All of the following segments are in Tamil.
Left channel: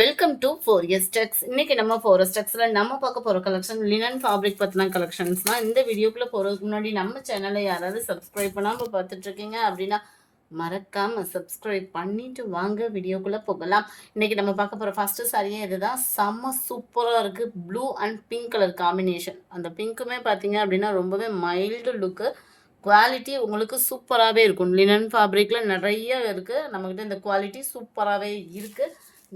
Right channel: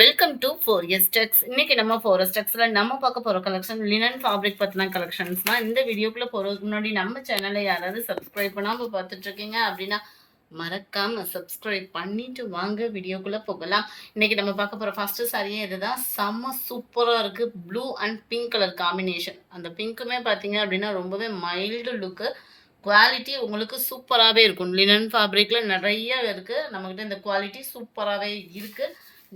Welcome to 4S Tex. இன்னைக்கு நம்ம 4S Texல நம்ம பார்க்க போற கலெக்ஷன் லினன் ஃபேப்ரிக் பத்தின கலெக்ஷன்ஸ் தான். இந்த வீடியோக்குள்ள போறதுக்கு முன்னாடி நம்ம சேனலை யாராவது சப்ஸ்கிரைப் பண்ணாம பார்த்துட்டு இருக்கீங்க அப்படின்னா மறக்காம சப்ஸ்கிரைப் பண்ணிட்டு வாங்க வீடியோக்குள்ள போகலாம். இன்னைக்கு நம்ம பார்க்க போற ஃபர்ஸ்ட் சாரியே இதுதான். செம்ம சூப்பரா இருக்கு. Blue and pink colour combination. அந்த பிங்க்குமே பார்த்தீங்க அப்படின்னா ரொம்பவே மைல்டு லுக்கு. குவாலிட்டி உங்களுக்கு சூப்பராகவே இருக்கும். லினன் ஃபேப்ரிக்ல நிறைய இருக்கு. நம்மகிட்ட இந்த குவாலிட்டி சூப்பராகவே இருக்கு.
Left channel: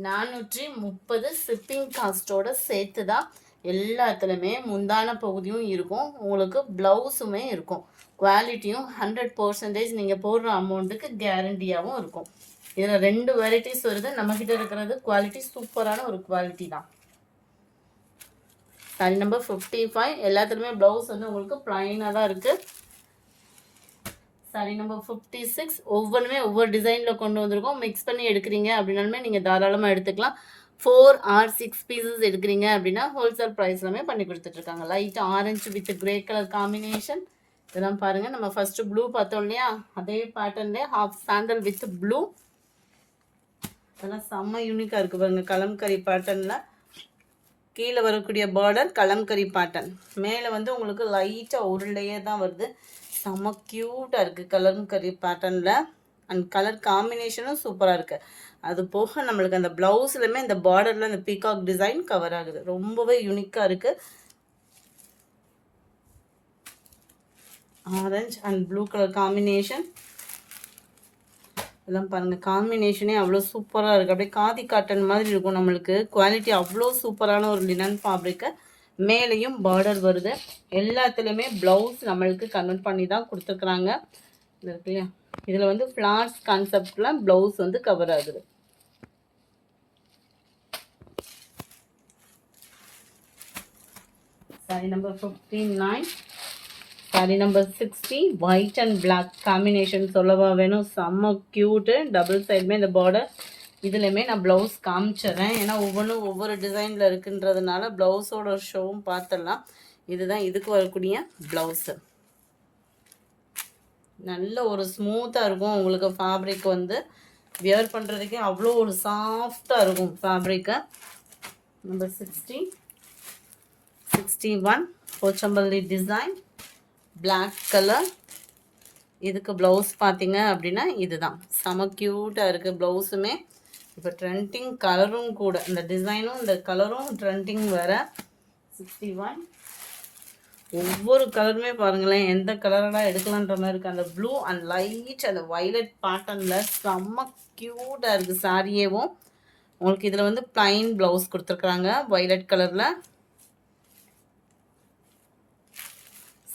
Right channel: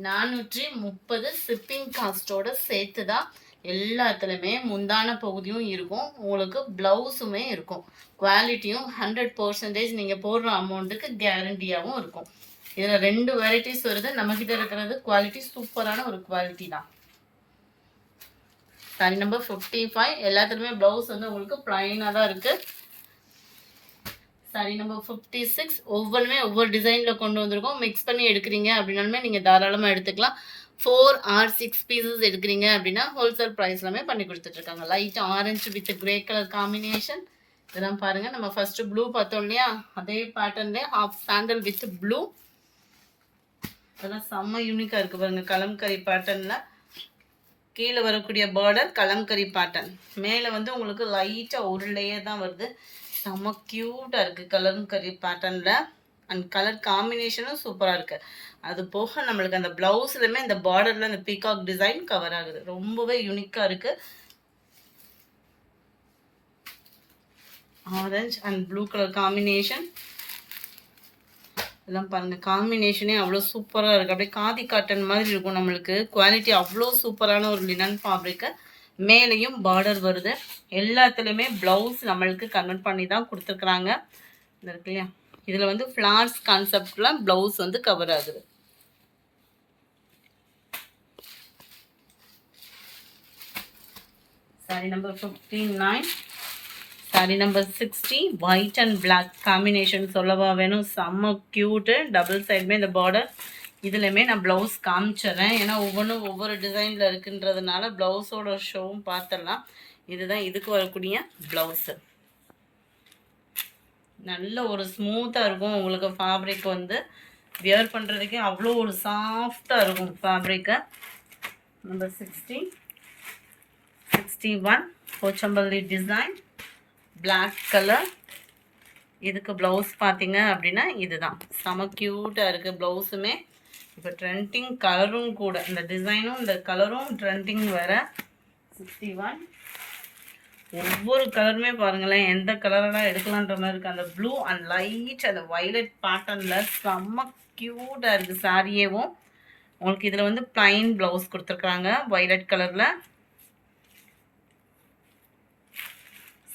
430 ஷிப்பிங் காஸ்ட்டோட சேர்த்து தான் எல்லாத்துலேயுமே முந்தான பகுதியும் இருக்கும். உங்களுக்கு ப்ளவுஸுமே இருக்கும். குவாலிட்டியும் 100% நீங்கள் போடுற அமௌண்ட்டுக்கு கேரண்டியாகவும் இருக்கும். இதில் 2 வெரைட்டிஸ் வருது. நம்மக்கிட்ட இருக்கிறது குவாலிட்டி சூப்பரான ஒரு குவாலிட்டி தான். Sorry number 55. எல்லாத்துலேயுமே ப்ளவுஸ் வந்து உங்களுக்கு ப்ளைனாக தான் இருக்குது. Sorry number 56. ஒவ்வொன்றுமே ஒவ்வொரு டிசைனில் கொண்டு வந்திருக்கோம். மிக்ஸ் பண்ணி எடுக்கிறீங்க அப்படின்னாலுமே நீங்கள் தாராளமாக எடுத்துக்கலாம். 4 or 6 பீசஸ் எடுக்கிறீங்க அப்படின்னா ஹோல்சேல் ப்ரைஸ்லாமே பண்ணி கொடுத்துட்ருக்காங்க. Light orange with grey colour combination. இதெல்லாம் பாருங்கள். நம்ம ஃபஸ்ட்டு ப்ளூ பார்த்தோம் இல்லையா, அதே பேட்டர்ன்லேயே ஹாஃப் சாண்டல் வித் ப்ளூ. அதெல்லாம் செம்ம யூனிக்காக இருக்குது பாருங்கள். கலம்கரி பேட்டர்னில் கீழே வரக்கூடிய பார்டர் கலம்கரி பேட்டர்ன். மேலே வந்து உங்களுக்கு லைட்டாக ஒரு லேயர் தான் வருது. செம்ம க்யூட்டாக இருக்குது கலம்கரி பேட்டர்னில். அண்ட் கலர் காம்பினேஷனும் சூப்பராக இருக்குது. அது போக நம்மளுக்கு அந்த ப்ளவுஸ்லையுமே இந்த பார்டரில் அந்த பீகாக் டிசைன் கவர் ஆகுது. ரொம்பவே யூனிக்காக இருக்குது. Orange and blue colour combination. இதெல்லாம் பாருங்கள். காம்பினேஷனே அவ்வளோ சூப்பராக இருக்குது. அப்படியே காதி காட்டன் மாதிரி இருக்கும். நம்மளுக்கு குவாலிட்டி அவ்வளோ சூப்பரான ஒரு லினன் ஃபேப்ரிக்கை. மேலேயும் பார்டர் வருது. எல்லாத்துலேயுமே ப்ளவுஸ் நம்மளுக்கு கன்வெர்ட் பண்ணி தான் கொடுத்துருக்குறாங்க. இது இருக்கு இல்லையா, இதில் வந்து ஃப்ளார்ஸ் கான்செப்டில் ப்ளவுஸ் வந்து கவர் ஆகுது. Sari number 59. Sari number 60. White and black combination சொல்லவா வேணும். செம்ம க்யூட்டு. டபுள் சைடுமே இந்த பார்டர். இதுலையுமே நான் ப்ளவுஸ் காமிச்சிட்றேன். ஏன்னா ஒவ்வொன்றும் ஒவ்வொரு டிசைனில் இருக்குன்றதுனால ப்ளவுஸோட ஷோவும் பார்த்துடலாம். இதுதான் இதுக்கு வரக்கூடிய ப்ளவுஸு. நல்ல ஒரு ஸ்மூத்தாக இருக்கும். உங்களுக்கு ஃபேப்ரிக் வந்து வியர் பண்ணுறதுக்கே அவ்வளோ ஒரு சாஃப்டாக இருக்கும் ஃபேப்ரிக்கை. Number 60. 61 Pochampally design, black colour. இதுக்கு ப்ளவுஸ் பார்த்தீங்க அப்படின்னா இதுதான். செம க்யூட்டாக இருக்குது ப்ளவுஸுமே. இப்போ ட்ரெண்டிங் கலரும் கூட. இந்த டிசைனும் இந்த கலரும் ட்ரெண்டிங் வேறு. 61. ஒவ்வொரு கலருமே பாருங்களேன், எந்த கலரெல்லாம் எடுக்கலான்ற மாதிரி இருக்குது. அந்த ப்ளூ அண்ட் லைட் அந்த வைலட் பேட்டர்னில் செம்ம க்யூட்டாக இருக்குது சாரியேவும். உங்களுக்கு இதில் வந்து ப்ளைன் ப்ளவுஸ் கொடுத்துருக்குறாங்க வைலட் கலரில்.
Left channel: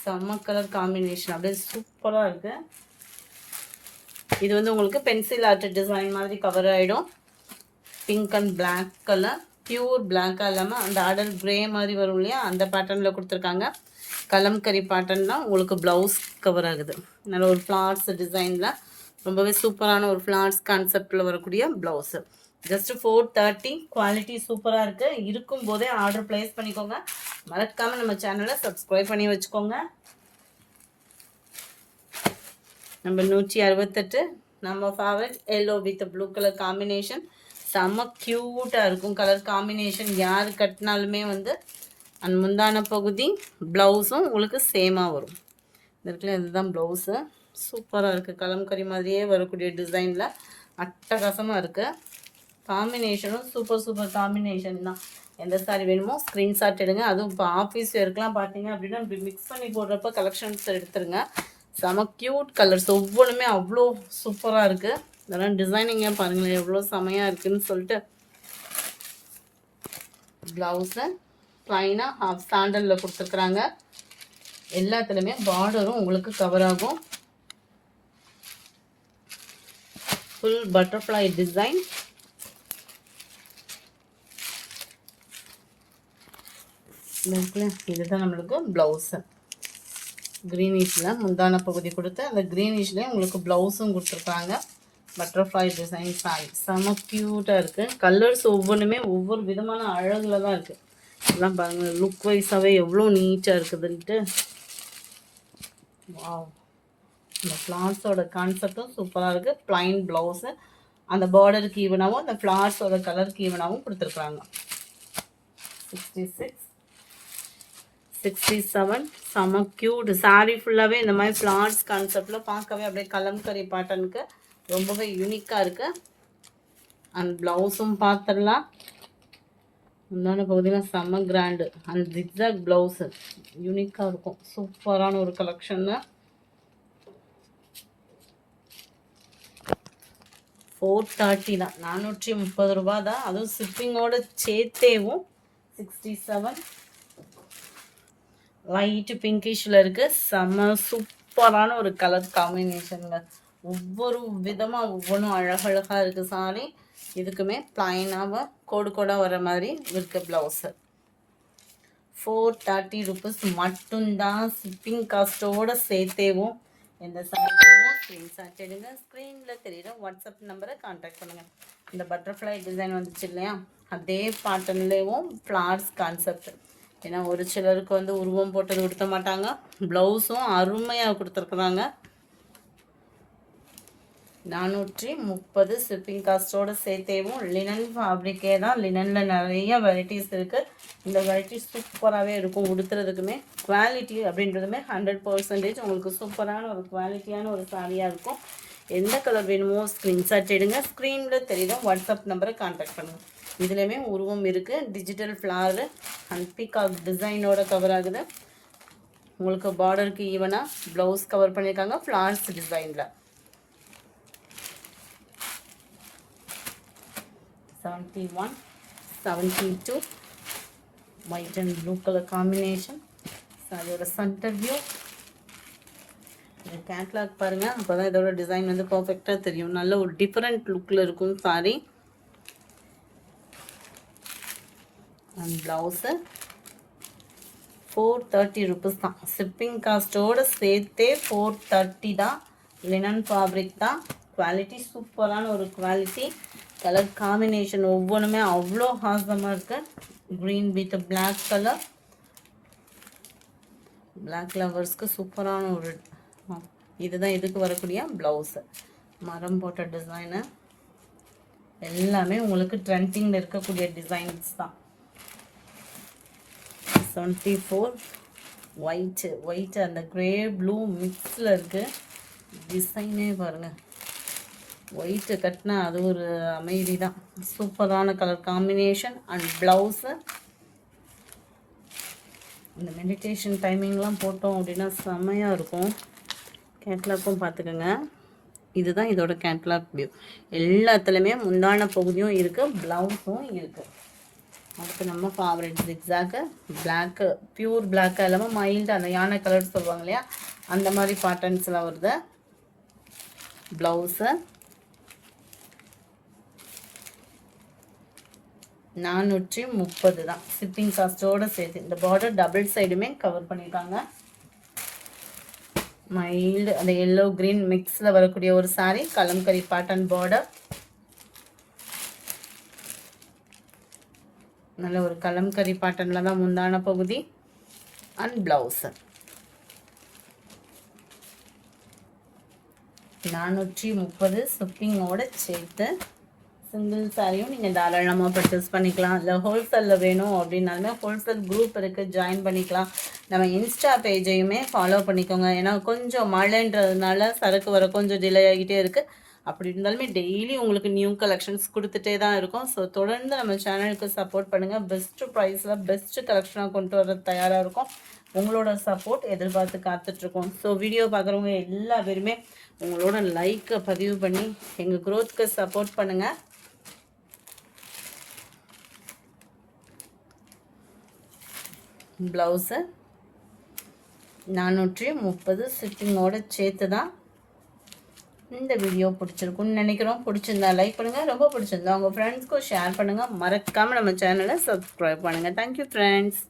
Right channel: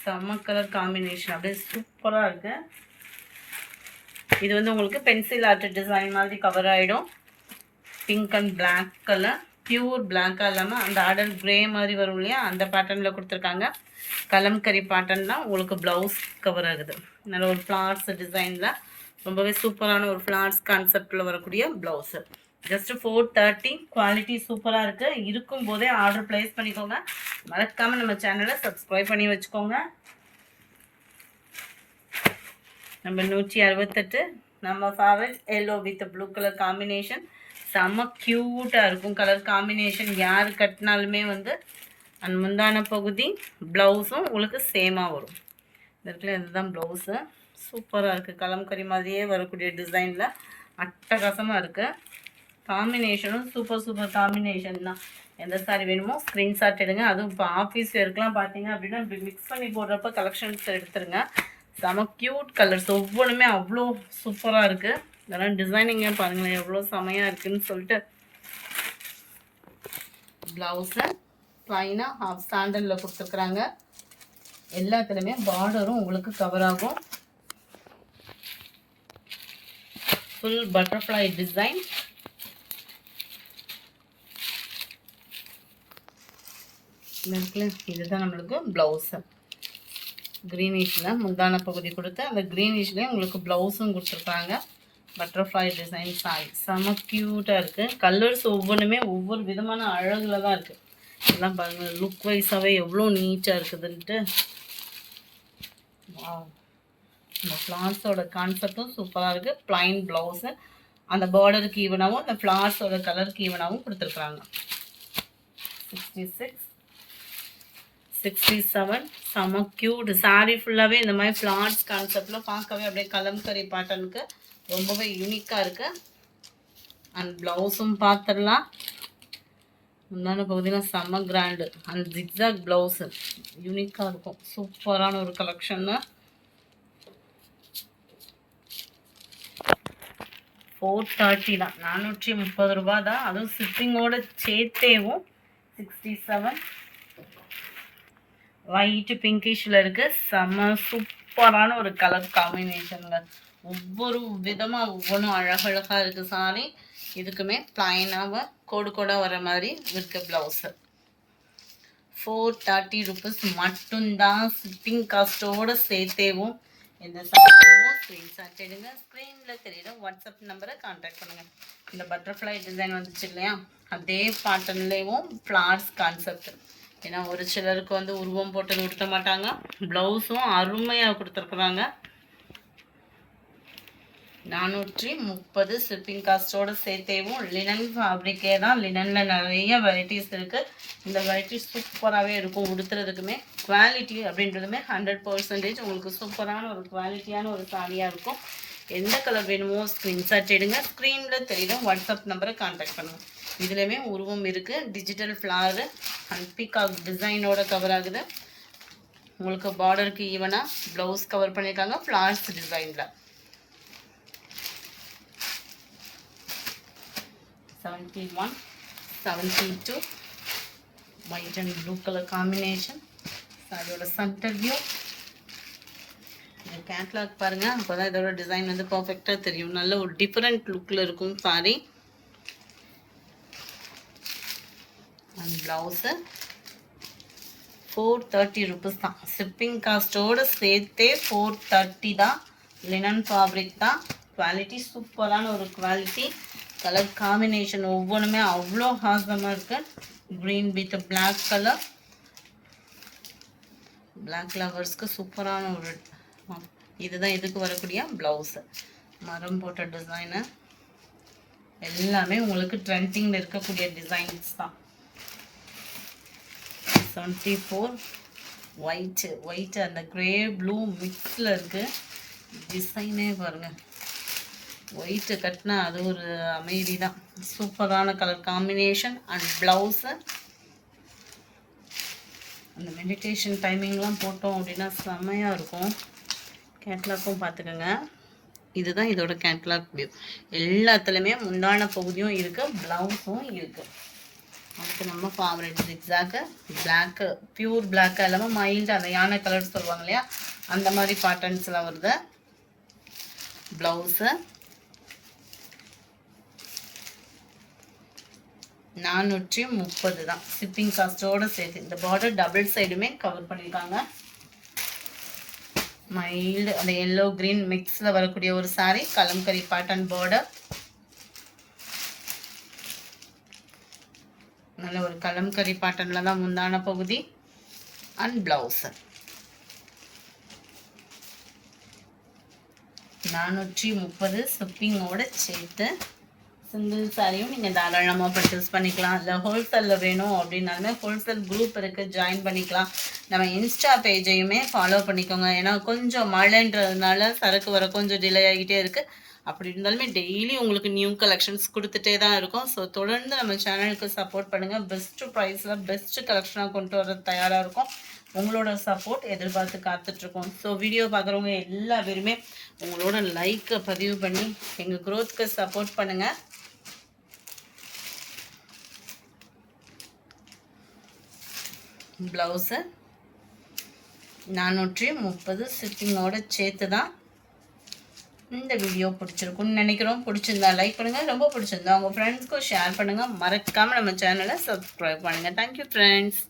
செம்ம கலர் காம்பினேஷன். அப்படியே சூப்பராக இருக்குது. இது வந்து உங்களுக்கு பென்சில் ஆர்ட் டிசைன் மாதிரி கவர் ஆகிடும். Pink and black colour. Pure பிளாக்காக இல்லாமல் அந்த ஆடல் கிரே மாதிரி வரும் இல்லையா, அந்த பேட்டர்னில் கொடுத்துருக்காங்க. கலம்கரி பேட்டர்ன் தான் உங்களுக்கு ப்ளவுஸ் கவர் ஆகுது. நல்ல ஒரு ஃப்ளார்ஸ் டிசைனில் ரொம்பவே சூப்பரான ஒரு ஃப்ளார்ஸ் கான்செப்டில் வரக்கூடிய ப்ளவுஸு. ஜஸ்ட் 430. குவாலிட்டி சூப்பராக இருக்குது. இருக்கும் போதே ஆர்டர் ப்ளேஸ் பண்ணிக்கோங்க. மறக்காமல் நம்ம சேனலை சப்ஸ்கிரைப் பண்ணி வச்சுக்கோங்க. நம்பர் 168. நம்ம favourite yellow with blue colour combination. செம்ம க்யூட்டாக இருக்கும் கலர் காம்பினேஷன். யார் கட்டினாலுமே வந்து அந்த முந்தான பகுதி ப்ளவுஸும் உங்களுக்கு சேமாக வரும். இந்த இடத்துல இதுதான் ப்ளவுஸு. சூப்பராக இருக்குது. கலம்கரி மாதிரியே வரக்கூடிய டிசைனில் அட்டகாசமாக இருக்குது. காம்பினேஷனும் சூப்பர் காம்பினேஷன் தான். எந்த சாரி வேணுமோ ஸ்க்ரீன்ஷாட் எடுங்க. அதுவும் இப்போ ஆஃபீஸ் வேர்க்கெலாம் பார்த்தீங்க அப்படின்னா இப்படி மிக்ஸ் பண்ணி போடுறப்ப கலெக்ஷன்ஸ் எடுத்துருங்க. செம க்யூட் கலர்ஸ். ஒவ்வொன்றுமே அவ்வளோ சூப்பராக இருக்குது. இதெல்லாம் டிசைனிங்க பாருங்களேன் எவ்வளோ செமையாக இருக்குதுன்னு சொல்லிட்டு. ப்ளவுஸை ப்ளைனாக ஹாஃப் சாண்டலில் கொடுத்துருக்குறாங்க. எல்லாத்துலேயுமே பார்டரும் உங்களுக்கு கவர் ஆகும். Full butterfly design. இதுதான் நம்மளுக்கு ப்ளவுஸு. க்ரீனிஷில் முந்தான பகுதி கொடுத்து அந்த க்ரீனிஷ்லேயே உங்களுக்கு ப்ளவுஸும் கொடுத்துருக்காங்க. Butterfly design sorry. செம்ம க்யூட்டாக இருக்குது. கலர்ஸ் ஒவ்வொன்றுமே ஒவ்வொரு விதமான அழகில் தான் இருக்குது. இதெல்லாம் பாருங்கள் லுக் வைஸாகவே எவ்வளோ நீட்டாக இருக்குதுன்ட்டு. வாவ். இந்த ஃப்ளார்ஸோட கான்செப்டும் சூப்பராக இருக்குது. Plain blouse. அந்த பார்டருக்கு ஈவனாகவும் அந்த ஃப்ளார்ஸோட கலருக்கு ஈவனாகவும் கொடுத்துருக்குறாங்க. 66, 67 செம க்யூட். சாரீ ஃபுல்லாகவே இந்த மாதிரி ஃப்ளார்ஸ் கான்செப்டில் பார்க்கவே அப்படியே கலம்கரி பேட்டர்னுக்கு ரொம்பவே யூனிக்காக இருக்குது. அண்ட் ப்ளவுஸும் பார்த்துடலாம். முந்தான பகுதியில் செம்ம கிராண்டு அண்ட் ஜிக்ஸாக் ப்ளவுஸு யூனிக்காக இருக்கும். சூப்பரான ஒரு கலெக்ஷன் தான். 430 தான், 430 ரூபா தான். அதுவும் ஷிப்பிங்கோட சேர்த்தேவும். 67 ஒயிட் பிங்கிஷில் இருக்குது. செம்ம சூப்பரான ஒரு கலர் காம்பினேஷனில் ஒவ்வொரு விதமாக ஒவ்வொன்றும் அழகழகாக இருக்குது சாரி. இதுக்குமே பிளைனாக கோடு கோடாக வர மாதிரி இருக்க ப்ளவுஸு. 430 ருபீஸ் மட்டும்தான். ஷிப்பிங் காஸ்ட்டோடு சேர்த்தேவும். எந்த சாரியும் ஸ்க்ரீன்ஷாட் எடுங்க. ஸ்க்ரீனில் தெரியுற வாட்ஸ்அப் நம்பரை கான்டாக்ட் பண்ணுங்கள். இந்த பட்டர்ஃப்ளை டிசைன் வந்துச்சு இல்லையா, அதே பேட்டர்ன்லேயும் ஃப்ளார்ஸ் கான்செப்ட். ஏன்னா ஒரு சிலருக்கு வந்து உருவம் போட்டு கொடுக்க மாட்டாங்க. ப்ளவுஸும் அருமையாக கொடுத்துருக்குறாங்க. 430 ஷிப்பிங் காஸ்ட்டோடு சேர்த்தேவும். லினன் ஃபேப்ரிக்கே தான். லினனில் நிறைய வெரைட்டிஸ் இருக்குது. இந்த வெரைட்டி சூப்பராகவே இருக்கும். உடுத்துறதுக்குமே குவாலிட்டி அப்படின்றதுமே 100% உங்களுக்கு சூப்பரான ஒரு குவாலிட்டியான ஒரு சாரியாக இருக்கும். எந்த கலர் வேணுமோ ஸ்க்ரீன்ஷாட் எடுங்க. ஸ்க்ரீனில் தெரியுற வாட்ஸ்அப் நம்பரை கான்டாக்ட் பண்ணுங்கள். இதுலேயுமே உருவம் இருக்குது. டிஜிட்டல் ஃப்ளாரு அண்ட் பீகாக் டிசைனோட கவர் ஆகுது. உங்களுக்கு பார்டருக்கு ஈவனாக ப்ளவுஸ் கவர் பண்ணியிருக்காங்க ஃப்ளார்ஸ் டிசைனில். 71, 72 white and blue color combination. சாரியோட சென்டர் வியூ. இந்த கேட்லாக் பாருங்க, அப்போதான் இதோட டிசைன் வந்து பர்ஃபெக்டாக தெரியும். நல்ல ஒரு டிஃப்ரெண்ட் லுக்கில் இருக்கும் சாரி. அண்ட் ப்ளவுஸு 430 ருபீஸ் தான். ஷிப்பிங் காஸ்ட்டோடு சேர்த்தே 430 தான். லினன் ஃபேப்ரிக் தான். குவாலிட்டி சூப்பரான ஒரு குவாலிட்டி. கலர் காம்பினேஷன் ஒவ்வொன்றுமே அவ்வளோ ஹாசமாக இருக்குது. Green with black colour. Black லவர்ஸ்க்கு சூப்பரான ஒரு இதுதான் இதுக்கு வரக்கூடிய ப்ளவுஸு. மரம் போட்ட டிசைனு எல்லாமே உங்களுக்கு ட்ரெண்டிங்கில் இருக்கக்கூடிய டிசைன்ஸ் தான். 74 ஒயிட்டு அந்த க்ரே ப்ளூ மிக்ஸில் இருக்குது. டிசைனே பாருங்கள், ஒயிட்டு கட்டினா அது ஒரு அமைதி தான். சூப்பரான கலர் காம்பினேஷன் அண்ட் ப்ளவுஸு. அந்த மெடிடேஷன் டைமிங்லாம் போட்டோம் அப்படின்னா செம்மையாக இருக்கும். கேட்லாக்கும் பார்த்துக்கோங்க. இதுதான் இதோட கேட்லாக் வியூ. எல்லாத்துலேயுமே முந்தான பகுதியும் இருக்குது, ப்ளவுஸும் இருக்குது. அடுத்து நம்ம ஃபேவரட் ஜிக்ஸாக்கு பிளாக்கு, பியூர் பிளாக்காக இல்லாமல் மைல்டு அந்த யானை கலர் சொல்லுவாங்க இல்லையா, அந்த மாதிரி பேட்டர்ன்ஸ்லாம் வருது. ப்ளவுஸு 430 தான். ஷிப்பிங் காஸ்ட்டோடு சேர்த்து. இந்த பார்டர் டபுள் சைடுமே கவர் பண்ணியிருக்காங்க. மைல்டு அந்த எல்லோ கிரீன் மிக்ஸில் வரக்கூடிய ஒரு சாரி. Kalamkari pattern border. நல்ல ஒரு கலம்கரி பேட்டர்னில் தான் முந்தான பகுதி அண்ட் ப்ளவுஸு. 430 ஷிப்பிங்கோட சேர்த்து. சிங்கிள் சாரியும் நீங்கள் தாராளமாக பர்ச்சேஸ் பண்ணிக்கலாம். இல்லை ஹோல்சேலில் வேணும் அப்படின்னாலுமே ஹோல்சேல் குரூப் இருக்குது, ஜாயின் பண்ணிக்கலாம். நம்ம இன்ஸ்டா பேஜையுமே ஃபாலோ பண்ணிக்கோங்க. ஏன்னா கொஞ்சம் மழைன்றதுனால சரக்கு வர கொஞ்சம் டிலே ஆகிட்டே இருக்குது. அப்படி இருந்தாலுமே டெய்லி உங்களுக்கு நியூ கலெக்ஷன்ஸ் கொடுத்துட்டே தான் இருக்கும். ஸோ தொடர்ந்து நம்ம சேனலுக்கு சப்போர்ட் பண்ணுங்கள். பெஸ்ட்டு ப்ரைஸில் பெஸ்ட்டு கலெக்ஷனாக கொண்டு வர தயாராக இருக்கும். உங்களோட சப்போர்ட் எதிர்பார்த்து காத்துட்ருக்கோம். ஸோ வீடியோ பார்க்குறவங்க எல்லா பேருமே உங்களோட லைக்கை பதிவு பண்ணி எங்கள் க்ரோத்துக்கு சப்போர்ட் பண்ணுங்கள். ப்ளவுஸு 430 ஷிப்பிங்கோட சேர்த்து தான். இந்த வீடியோ பிடிச்சிருக்குன்னு நினைக்கிறோம். பிடிச்சிருந்தா லைக் பண்ணுங்கள். ரொம்ப பிடிச்சிருந்தா உங்கள் ஃப்ரெண்ட்ஸ்க்கும் ஷேர் பண்ணுங்கள். மறக்காமல் நம்ம சேனலை சப்ஸ்கிரைப் பண்ணுங்கள். Thank you friends.